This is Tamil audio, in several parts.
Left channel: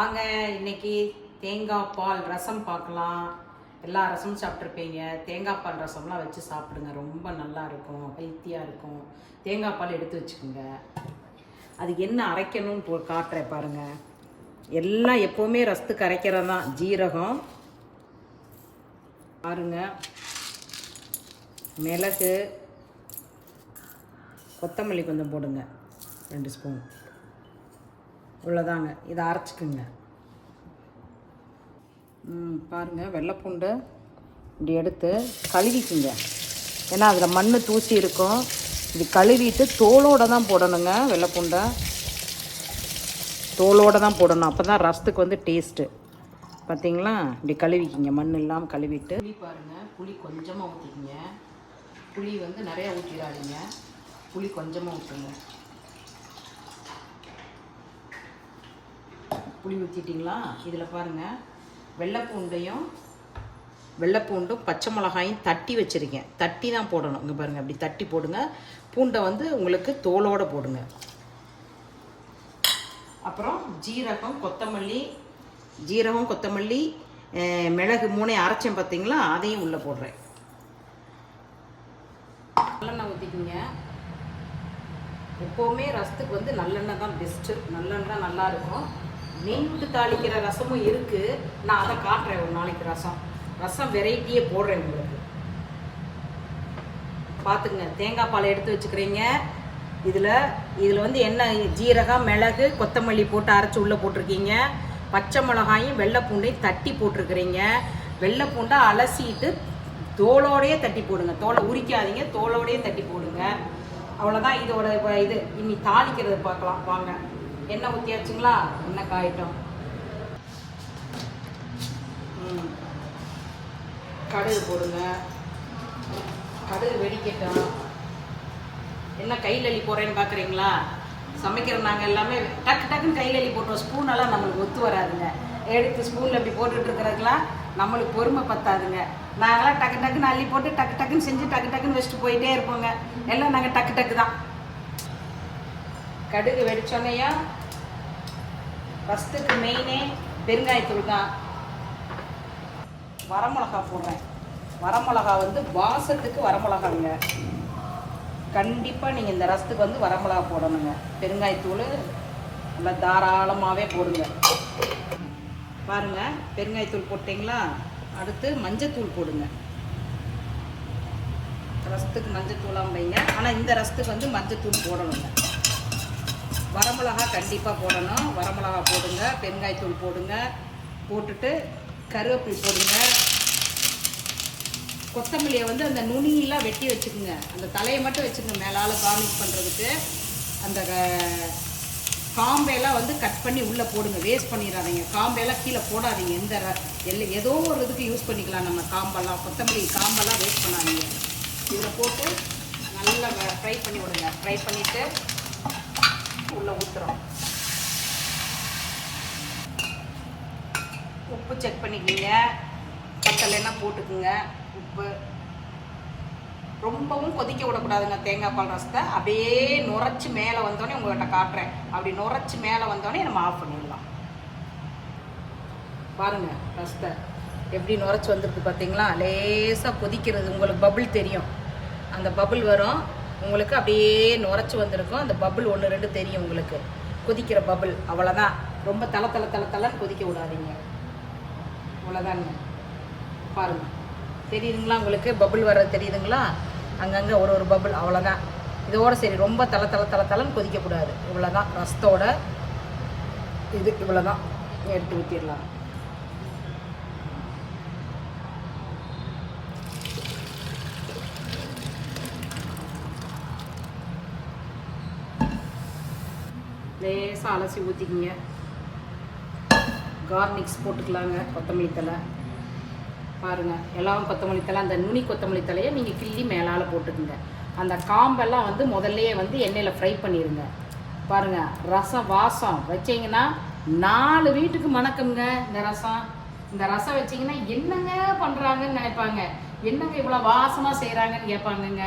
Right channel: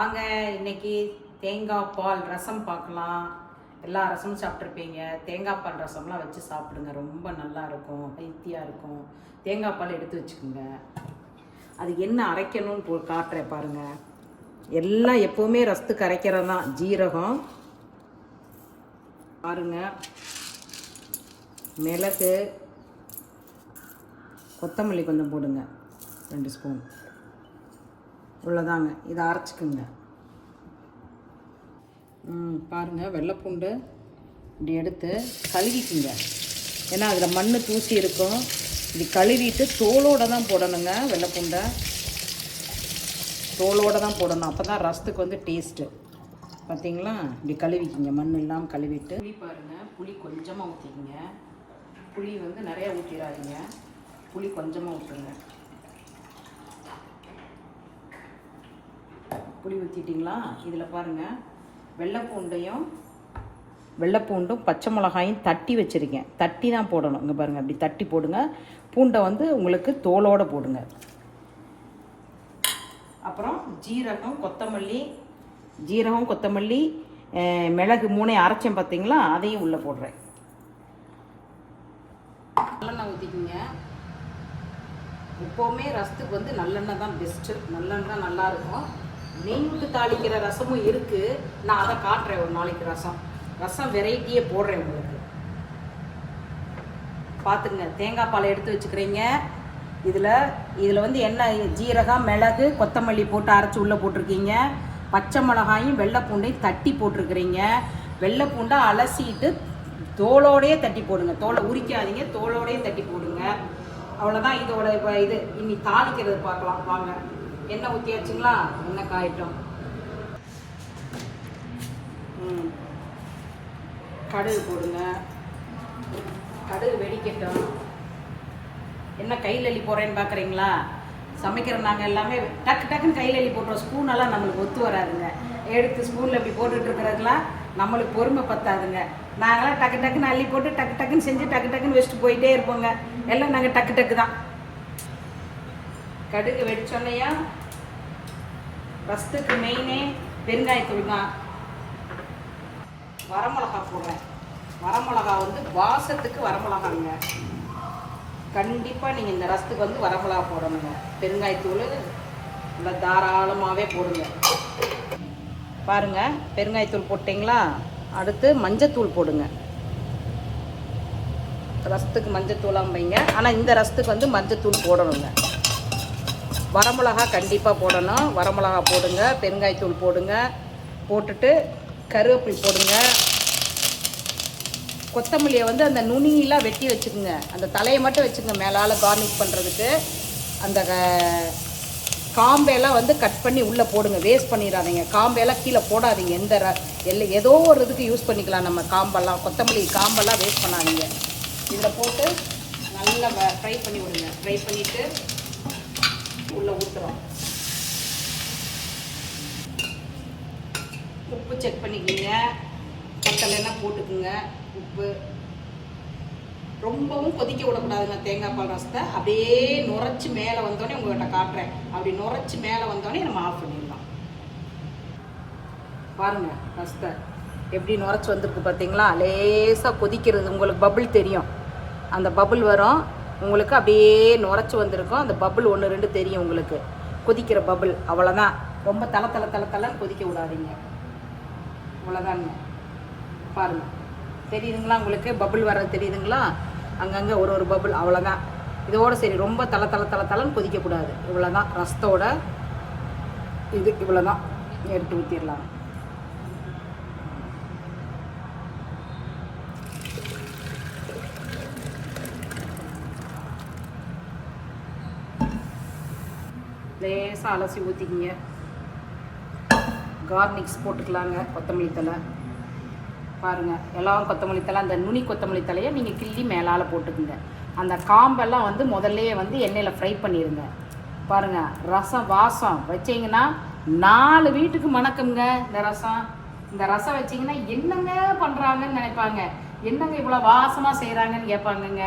வாங்க இன்னைக்கு தேங்காய் பால் ரசம் பார்க்கலாம். எல்லா ரசமும் சாப்பிட்ருப்பீங்க. தேங்காய் பால் ரசம்லாம் வச்சு சாப்பிடுங்க, ரொம்ப நல்லா இருக்கும், ஹெல்த்தியாக இருக்கும். தேங்காய் பால் எடுத்து வச்சுக்கோங்க. அது என்ன அரைக்கணும்னு காட்டுறேன் பாருங்க. எல்லாம் எப்போவுமே ரசத்துக்கு அரைக்கிறது தான். ஜீரகம் பாருங்க, மிளகு, கொத்தமல்லி கொஞ்சம் போடுங்க, 2 ஸ்பூன் இவ்வளோதாங்க. இதை அரைச்சிக்குங்க. பாருங்கள், வெள்ளைப்பூண்டை இப்படி எடுத்து கழுவிக்குங்க. ஏன்னா அதில் மண் தூசி இருக்கும். இது கழுவிட்டு தோலோடு தான் போடணுங்க. வெள்ளைப்பூண்டை தோலோடு தான் போடணும், அப்போ தான் ரசத்துக்கு வந்து டேஸ்ட்டு. பார்த்தீங்களா, இப்படி கழுவிக்கிங்க, மண் இல்லாமல் கழுவிட்டு. புளி பாருங்கள், புளி கொஞ்சமாக ஊற்றிக்கிங்க. புளி வந்து நிறையா ஊற்றிடாதீங்க, புளி கொஞ்சமாக ஊற்றுங்க. புளி ஊற்றிட்டிங்களா? இதில் பாருங்கள், வெள்ளைப்பூண்டும் பச்சை மிளகாயும் தட்டி வச்சுருக்கேன். தட்டி தான் போடணும். இங்கே பாருங்கள், அப்படி தட்டி போடுங்க. பூண்டை வந்து உங்களுக்கு தோலோடு போடுங்க. அப்புறம் ஜீரகம், கொத்தமல்லி, மிளகு 3 அரைச்சேன் பார்த்தீங்களா, அதையும் உள்ளே போடுறேன். நல்லெண்ணெய் ஊற்றிக்கிங்க. எப்போவுமே ரசத்துக்கு வந்து நல்லெண்ணெய் தான் பெஸ்ட்டு. நல்லெண்ணெய் தான் நல்லாயிருக்கும். நீண்டு தாளிக்கிற ரசமும் இருக்குது, நான் அதை காட்டுறேன் ஒரு நாளைக்கு. ரசம் வெரைட்டியே போடுறேன் உங்களுக்கு. பார்த்துங்க, தேங்காய் பாலை எடுத்து வச்சுக்கிறீங்க. இதில் வந்து என்ன, ஜீரகம், மிளகு, கொத்தமல்லி போட்டு அரைச்சி உள்ளே போட்டிருக்கீங்க. பச்சை மிளகாயும் வெள்ளைப்பூண்டையும் தட்டி போட்டிருக்கிறீங்க. வெள்ளைப்பூண்டை அலசிட்டு தோலோடையே தட்டி போடுங்க. தோலை உரிக்காதீங்க, தோலோடையே தட்டி போடுங்க. அவ்வளோதான் இதோட இது. இனி தாளிக்கிறது பார்க்கலாம் வாங்க. எண்ணெய் ஊற்றியாச்சுங்களா? எண்ணெய் காயிட்டோம். கடுகு போடுங்க. கடுகு வெடிக்கட்டும். என்ன கையில் அள்ளி போடுறேன்னு பார்க்குறீங்களா? சமைக்கிற நாங்கள் எல்லாமே டக்குன்னு கையில் அள்ளி போட்டுருவோம். ஸ்பூனெல்லாம் நம்மளுக்கு ஒத்து வராதுங்க. எடுத்து ஸ்பூனில் இப்படி போட்டுட்டு இருக்கிறதுலாம் நம்மளுக்கு பொறுமை பத்தாதுங்க. நாங்களாம் டக்குன்னு அள்ளி போட்டு டக்குன்னு செஞ்சு டக்குன்னு வச்சுட்டு போயிட்டே இருப்போங்க. எல்லாம் நாங்கள் டக்கு தான். கடுகு வெடிச்சோன்னையா ரசத்துக்கு மெயினே பெருங்காயத்தூள் தான். வரமிளகா போடுறேன். வரமிளகா வந்து வாசத்துக்கு வரமிளகாங்க. கண்டிப்பாக நீங்கள் இந்த ரசத்துக்கு வந்து வரமிளகா போடணுங்க. பெருங்காயத்தூள் நல்லா தாராளமாகவே போடுங்க. பாருங்கள், பெருங்காயத்தூள் போட்டிங்களா? அடுத்து மஞ்சத்தூள் போடுங்க. ரசத்துக்கு மஞ்சத்தூளாக வைங்க, ஆனால் இந்த ரசத்துக்கு வந்து மஞ்சத்தூள் போடணுங்க. வரமிளகா கண்டிப்பாக போடணும். வரமிளகா போடுங்க, பெருங்காயத்தூள் போடுங்க. போட்டுட்டு கருவேப்பிலை போடுங்க. கொத்தமல்லியை வந்து அந்த நுனியெல்லாம் வெட்டி வச்சுக்கோங்க. அந்த தலையை மட்டும் வச்சுக்கோங்க, மேலால் கார்னிஷ் பண்ணுறதுக்கு. அந்த காம்பையெல்லாம் வந்து கட் பண்ணி உள்ளே போடுங்க. வேஸ்ட் பண்ணிடாதீங்க. காம்பையெல்லாம் கீழே போடாதீங்க. ஏதோ ஒரு இதுக்கு யூஸ் பண்ணிக்கலாம் நம்ம. காம்பெல்லாம், கொத்தமல்லி காம்பெல்லாம் வேஸ்ட் பண்ணாதீங்க. இதில் போட்டு நல்லா ஃப்ரை பண்ணி விடுங்க. ஃப்ரை பண்ணிவிட்டு உள்ளே ஊற்றுறோம். உப்பு செக் பண்ணிக்கிங்க. பட்டலைன்னா போட்டுக்குங்க உப்பு. ரொம்பவும் கொதிக்க விடக்கூடாதுங்க தேங்காய் பால் ரசத்தை. அப்படியே நுரைச்சி மேலே வந்தோடனே உங்கள்கிட்ட காட்டுறேன். அப்படி நுரைச்சி மேலே வந்தோடனே நம்ம ஆஃப் பண்ணிடலாம். பாருங்க, ரசத்தை எப்படி நுரைச்சி வந்துருக்கு பார்த்தீங்களா? லேசாக கொதிக்கிறது, உங்களுக்கு பபுள் தெரியும். அந்த பபுள் வரும் உங்களுக்கு, அப்படியே நுரைச்சி வந்திருக்கும். அந்த பபுள் 1, 2 தெரியும் உங்களுக்கு, கொதிக்கிற பபுள். அவ்வளோதான். ரொம்ப தலை கொதிக்க விடாதீங்க. அவ்வளோதாங்க. பாருங்க, தெரியுதுங்களா உங்களுக்கு? பபுள் வர்றது தெரியுதுங்களா? அங்கங்கே ஒரு பபுள். அவ்வளோதான். இதோட சரி. ரொம்ப தலைன்னு கொதிக்கக்கூடாது. இவ்வளோதான் ரசத்தோட இது. இவ்வளோதான். எடுத்து ஊற்றிடலாம். லேசாக அலசி ஊற்றிக்கிங்க. கார்னிக்ஸ் போட்டுக்கலாங்க. கொத்தமல்லி தழை பாருங்கள், எல்லாம் கொத்தமல்லி தழை. அந்த நுனி கொத்தமல்லி தலையை நீங்கள் கிள்ளி மேலால் போட்டுக்குங்க. அந்த காம்பெல்லாம் வந்து முதல்லையே வந்து எண்ணெயில் ஃப்ரை பண்ணிடுங்க. பாருங்கள், ரசம் வாசம் வச்சிங்கன்னா 4 வீட்டுக்கு மணக்குங்க. இந்த ரசம் வச்சிங்கன்னா என்னங்க பண்ணுறாங்கன்னு நினைப்பாங்க. என்னங்க இவ்வளோ வாசமாக செய்கிறாங்கன்னு கேட்பாங்கங்க.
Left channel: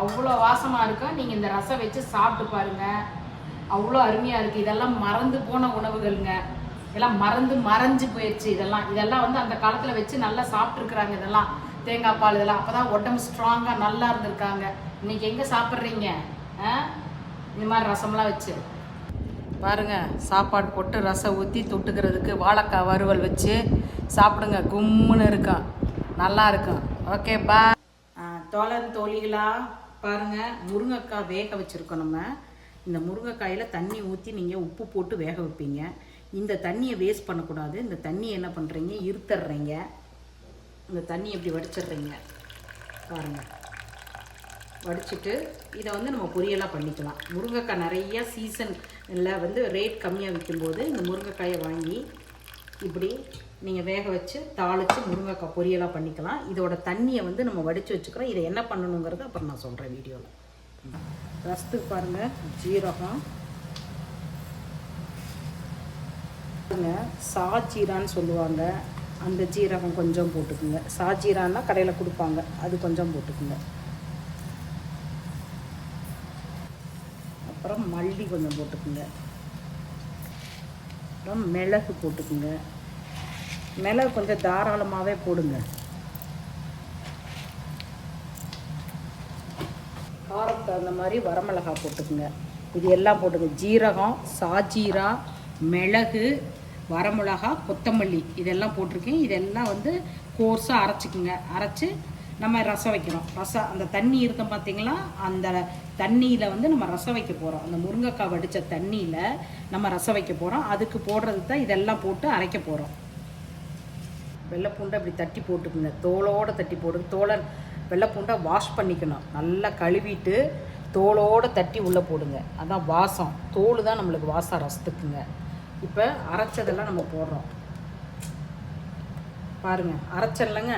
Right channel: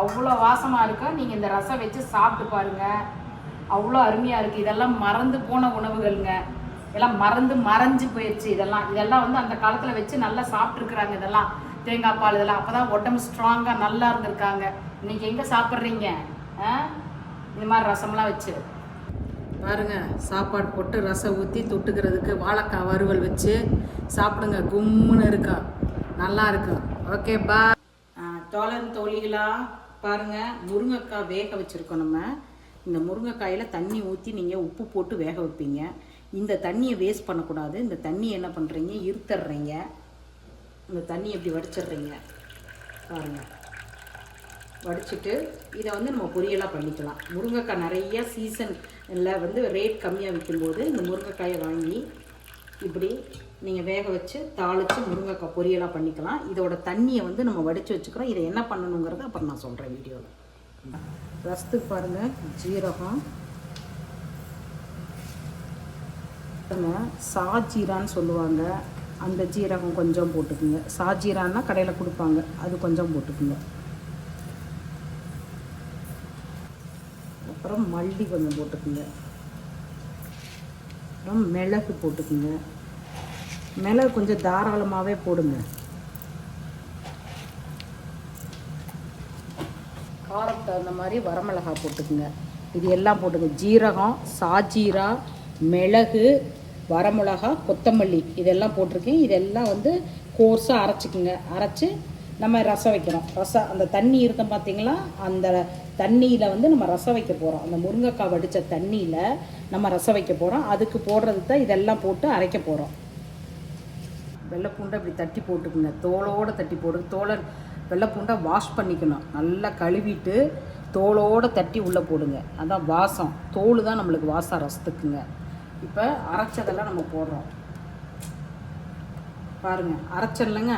அவ்வளோ வாசமாக இருக்கும். நீங்கள் இந்த ரசம் வச்சு சாப்பிட்டு பாருங்கள், அவ்வளோ அருமையாக இருக்குது. இதெல்லாம் மறந்து போன உணவுகள்ங்க. எல்லாம் மறைஞ்சு போயிடுச்சு. இதெல்லாம் வந்து அந்த காலத்தில் வச்சு நல்லா சாப்பிட்ருக்குறாங்க. இதெல்லாம் தேங்காய் பால் இதெல்லாம் அப்போ தான் உடம்பு ஸ்ட்ராங்காக நல்லா இருந்திருக்காங்க. இன்னைக்கு எங்கே சாப்பிட்றீங்க இந்த மாதிரி ரசம்லாம் வச்சு? பாருங்க, சாப்பாடு போட்டு ரசம் ஊற்றி தொட்டுக்கிறதுக்கு வாழைக்காய் வறுவல் வச்சு சாப்பிடுங்க. கும்முன்னு இருக்கும், நல்லா இருக்கும். ஓகே பா. தோழிகளா பாருங்க, முருங்கைக்காய் வேக வச்சுருக்கோம். நம்ம இந்த முருங்கைக்காயில் தண்ணி ஊற்றி நீங்கள் உப்பு போட்டு வேக வைப்பீங்க. இந்த தண்ணியை வேஸ்ட் பண்ணக்கூடாது. இந்த தண்ணியை என்ன பண்ணுறீங்க, இருத்துடுறீங்க. இந்த தண்ணி எப்படி வடிச்சிடுறீங்க பாருங்கள். வடிச்சிட்டு இதை வந்து நம்ம பொரியலாக பண்ணிக்கலாம். முருங்கைக்காய் நிறைய சீசனில் வந்து ரேட் கம்மியாக விற்கும்போது இந்த முருங்கைக்காயை வாங்கி இப்படி நீங்கள் வேக வச்சு தாளித்து முருங்கைக்காய் பொரியலாக பண்ணிக்கலாம். இதோட தண்ணியை வந்து நம்ம வடித்து வச்சுக்கிறோம். இதை என்ன பண்ணணுங்கிறத அப்புறம் நான் சொல்கிறேன் வீடியோவில். ரசத்துக்கு பாருங்கள், ஜீரகம் சாஜீரான்னு சொல்லுவாங்க, அந்த ஜீரகம் கொஞ்சம் போட்டுக்குங்க. சாஜீரான்னா கடையில் கொடுப்பாங்க, அது கொஞ்சம் போட்டுக்குங்க. அப்புறம் மல்லி கொஞ்சம் போட்டுக்குங்க. அப்புறம் மிளகு போட்டுக்குங்க. மிளகு கொஞ்சம் தாராளமாகவே போடுங்க. காரம் தகுந்த மாதிரி வரமிளகாய் போட்டுக்குங்க. இது எல்லாம் போட்டுங்க. ஜீரகம், சாஜீரா, மிளகு, வரமிளகா, கொத்தமல்லி இதெல்லாம் போட்டிருக்கேன். இதெல்லாம் வந்து கோர்ஸாக அரைச்சிக்குங்க. அரைச்சி நம்ம ரசம் வைக்கிறோம். ரசம் அந்த தண்ணி இருக்கும் பார்த்தீங்களா, அந்த தண்ணியில் வந்து நம்ம ரசம் வைக்க போகிறோம். அந்த முருங்கைக்காய் வடித்த தண்ணியில் நம்ம ரசம் வைக்க போகிறோம். அதுக்கு போடுறது தான் இதெல்லாம் போட்டு அரைக்க போகிறோம். வெள்ளைப்பூண்டை இப்படி தட்டி போட்டுக்குங்க. தோலோடு தட்டி போடுங்க. வெள்ளைப்பூண்டை வாஷ் பண்ணிக்கணும். நல்லா கழுவிட்டு தோலோடு தட்டி உள்ளே போடுங்க. அதான் வாசம். தோல் தான் நம்மளுக்கு வாசம் ரசத்துக்குங்க. இப்போ அரைச்சதெல்லாம் நம்ம போடுறோம் பாருங்கள். அரைச்சல்லைங்க,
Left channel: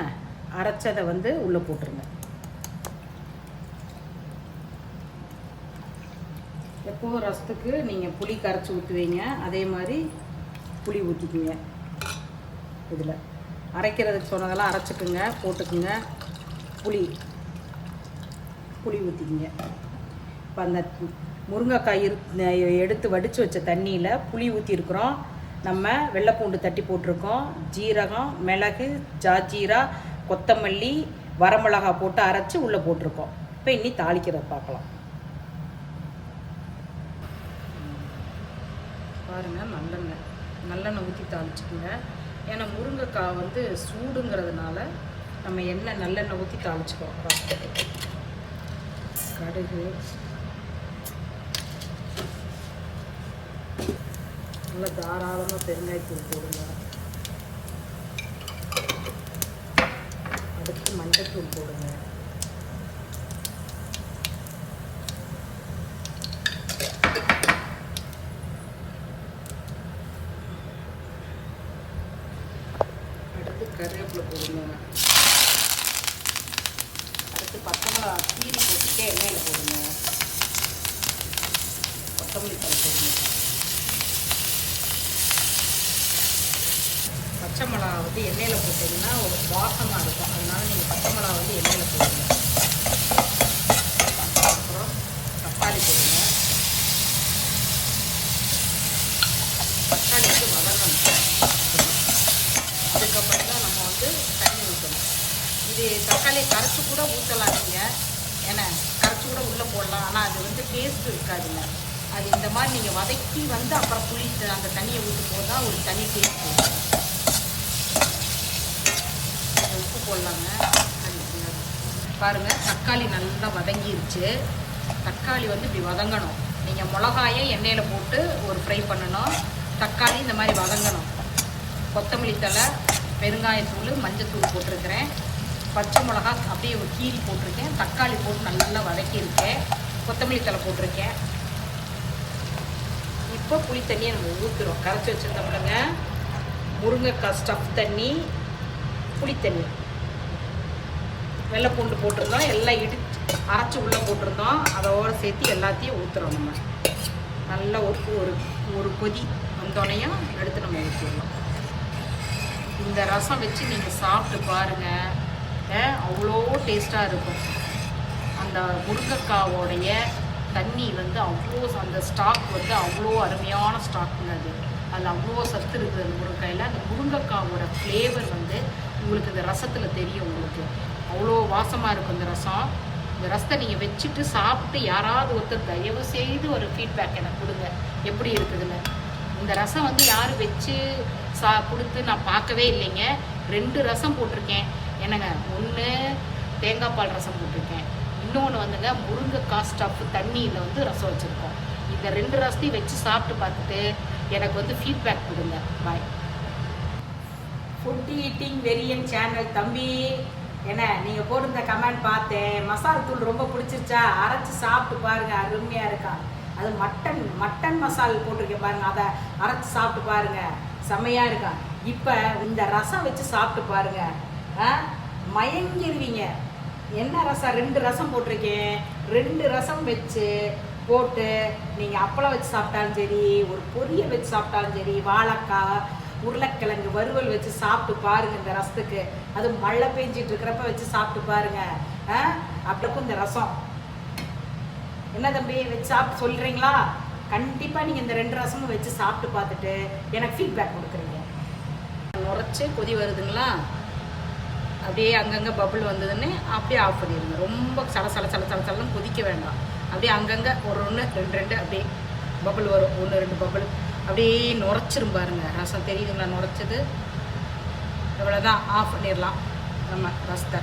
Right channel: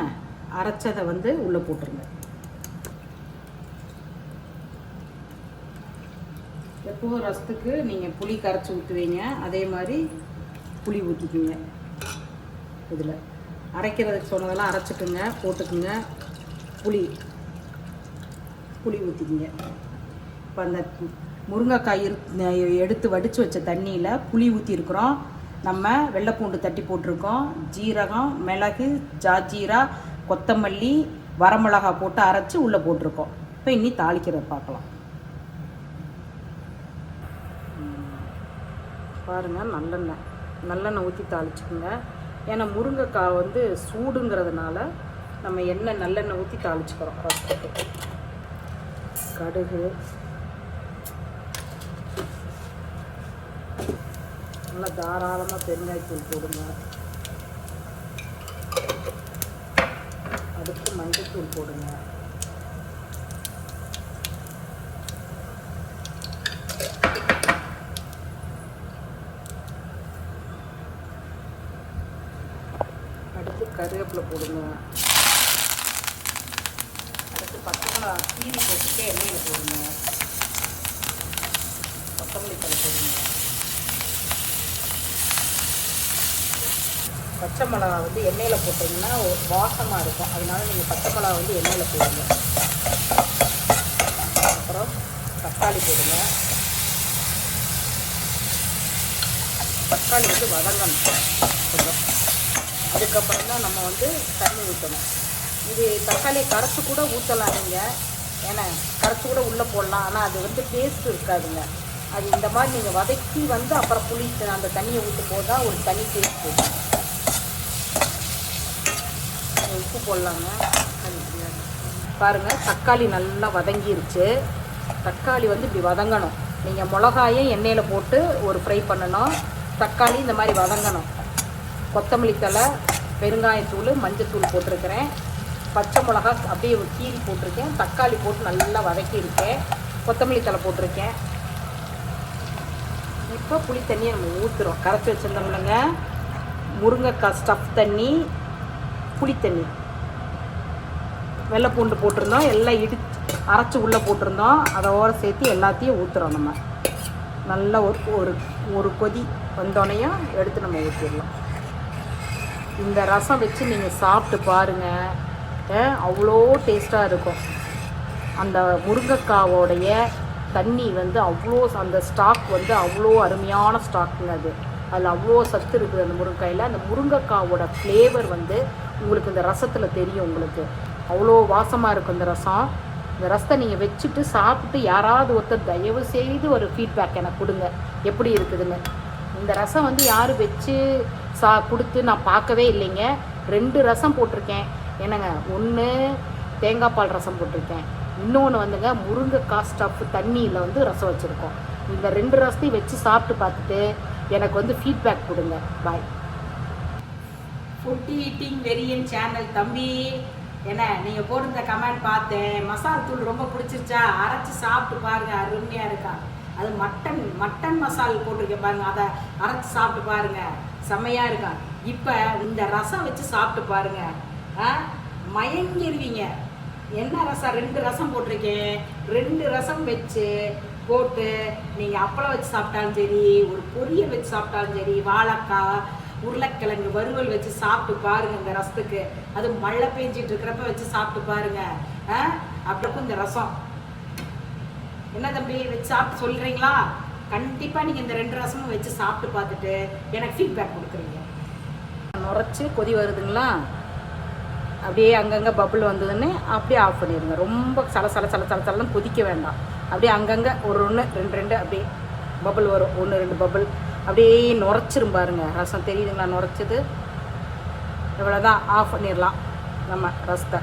அரைச்சதை வந்து உள்ளே போட்டுருங்க. எப்போதும் ரசத்துக்கு நீங்கள் புளி கரைச்சி ஊற்றுவீங்க, அதே மாதிரி புளி ஊற்றிக்குங்க. இதில் அரைக்கிறதுக்கு சொன்னதெல்லாம் அரைச்சிக்குங்க, போட்டுக்குங்க. புளி ஊற்றிக்குங்க. இப்போ அந்த முருங்கைக்காய் எடுத்து வடித்து வச்ச தண்ணியில் புளி ஊற்றிருக்குறோம். நம்ம வெள்ளைப்பூண்டு தட்டி போட்டிருக்கோம். ஜீரகம், மிளகு, ஜாஜீரா, கொத்தமல்லி, வரமிளகா போட்டு அரைச்சி உள்ளே போட்டிருக்கோம். இப்போ இனி தாளிக்கிறத பார்க்கலாம். பாருங்கள், நல்லெண்ணெய் ஊற்றி தாளிச்சுக்குங்க. ஏன்னா முருங்கைக்காய் வந்து சூடுங்கிறதுனால நம்ம நல்லெண்ணெய் ஊற்றி தாளிச்சுக்கிறோம். கடுகு, நல்லா தாராளமாக பெருங்காயத்தூள் போடுங்க. அதுக்கு மஞ்சத்தூள் போடுங்க. அடுத்து கருவேப்பிலை போடுங்க. அடுத்து பச்சை மிளகாய் கீரி போட்டுட்டு எண்ணெயில் போடுங்க. கொத்தமல்லி தழை போடுங்க. பச்சை மிளகா வந்து எண்ணெயில் போட்டிங்கன்னா வாசமாக இருக்கும். அதனால நீங்கள் பச்சை மிளகா வந்து எண்ணெயில் போடுங்க. அப்புறம் தக்காளி போடுங்க. தக்காளி வந்து வதங்கணும். அதுக்கப்புறம் தான் நம்ம வந்து தண்ணி ஊற்றணும். இது தக்காளியை கரைச்சி கூட ஊற்றலாம் நீங்கள். ஏன்னா கரைச்சி கூட உள்ளே போடலாம். ஆனால் அது வந்து டேஸ்ட் இருக்காதுங்க. அது இந்த மாதிரி நீங்கள் வதக்கி வந்து அப்புறம் புளி அந்த தண்ணியை ஊற்றும் போது தான் ஒரு தனி டேஸ்ட் போகும். உப்பு போடலாங்க. பாருங்கள், தக்காளி நல்லா வதங்கிருச்சு. தக்காளி வந்து இப்படி வதங்கணும். நீங்கள் மிளகாயை எண்ணெயில் போட்டு ஒரு ஃப்ரை பண்ணணும். தக்காளி இந்த மாதிரி வதங்கணும். கொத்தமல்லி தழை, பெருங்காயத்தூள், மஞ்சத்தூள் போட்டிருக்கிறேன். பச்சை மிளகா அப்படியே கீரி போட்டிருக்கேன். தக்காளி போட்டு நல்லா வதக்கியிருக்கேன். கொத்தமல்லி தழை போட்டிருக்கேன். இப்போ புளி தண்ணியை நம்ம ஊற்றுறோம். கரைச்சி வச்சுருந்தோம்லங்க, முருங்கைக்காய் ஸ்டஃப் தண்ணி, புளித்தண்ணி, வெள்ளைப்பூண்டு போட்டிருந்தோம். எல்லாம் அரைச்சி உள்ளே போட்டிருந்தோம். அதோடு சேர்த்து எல்லாத்தையும் ஊற்றுறோம். நம்ம நல்லா ஒரு கொதி வந்தோடனையும் எடுத்து நம்ம ஊற்றிடலாம். இந்த ரசம் வச்சு நீங்கள் சாப்பிட்டு பாருங்கள், அவ்வளோ டேஸ்ட்டாக இருக்கும். அந்த முருங்கைக்காவோடைய தண்ணி வந்து அவ்வளோ, அந்த ஸ்டாக் வந்து அவ்வளோ அருமையான ஸ்டாக்குங்க. அது அதில் அவ்வளோ சத்து இருக்குது அந்த முருங்கைக்காயில். அந்த முருங்கைக்காவோட ஃப்ளேவர் வந்து உங்களுக்கு இந்த ரசத்தில் தெரியும். உங்களுக்கு அவ்வளோ வாசமாக இருக்கும் இந்த ரசம். இந்த ரசத்தை நீங்கள் வச்சுட்டு சாப்பிட்டு யாராவது ஒருத்தர் தயவு செய்து ஒரு ஃபீட்பேக் எனக்கு கொடுங்க எப்படி இருக்குதுன்னு. இந்த ரசம் வந்து யாரும் வச்சு கொடுத்து நான் பார்க்கவே இல்லைங்க. 2 ரசம் போட்டிருக்கேன் என்னங்க. ஒன்று தேங்காய் பால் ரசம் போட்டிருக்கேன், இன்னொன்று வந்துங்க முருங்கைக்காய் ஸ்டஃப் தண்ணியில் வந்து ரசம் வச்சுருக்கோம். இந்த 2 ரசத்தையும் வச்சு சாப்பிட்டு பார்த்துட்டு எனக்கு வந்து ஃபீட்பேக் கொடுங்க. பாய். ஃபுட் ஈட்டிங் வெரியன் சேனல் தம்பி, என்ன நீங்கள் போட்டிருந்த கமெண்ட் பார்த்தேன். மசாலா தூள் ரொம்ப பிடிச்சிருச்சா, அரைச்சி சாப்பிட்டு பாருங்கள், அருமையாக இருக்கா. அது மட்டன் மசால் போட்டிருக்கேன் பாருங்கள், அதை அரைச்சி சாப்பிட்டு பாருங்கள், செம்மையாக இருக்கா. இப்போ இந்த ரசம் வச்சு சாப்பிட்டு பாருங்கள், மயங்கிருவீங்க. என்ன ரசம்? 2 ரசம் போட்டிருக்கேன். 2 ரசம் வச்சு போட்டு நீங்கள் அப்பளம் வச்சு சாப்பிட்டாலும் சரி, ஒரு பொரியல் வச்சு சாப்பிட்டாலும் சரி, வாழைக்காய் உருளைக்கிழங்கு வறுவல் வச்சு சாப்பிட்டு பாருங்க. இந்த ரசத்துக்கு அது மழை பெஞ்சிட்டு இருக்கிறப்ப வச்சு சாப்பிட்டு பாருங்க. அப்படிக்கும் இந்த ரசம் என்ன தம்பி வச்சு சாப்பிட்டு சொல்றீங்களா? கண்டிப்பா நீங்க இந்த 2 ரசமும் வச்சு சாப்பிட்டு பார்த்துட்டு எனக்கு ஃபீட்பேக் கொடுக்குறீங்க. நுரைச்சி கொதி வருதுங்களா, அப்படியே அங்கங்கே பபுள் வந்ததுன்னு அப்படியே ஆஃப் பண்ணிடுங்க. ரொம்ப சலன்னு கொதிக்க வேண்டாம். அப்படியே அங்கங்கே ஒரு 1 2 அப்படியே பபுள் வரும். 1 2 பபுள் அப்படியே நுரைச்சிரும் பாருங்க. ரசம் தெரியுதுங்களா நுரைச்சது? இவ்வளோதான், ஆஃப் பண்ணிடலாம் நம்ம ரசத்தை.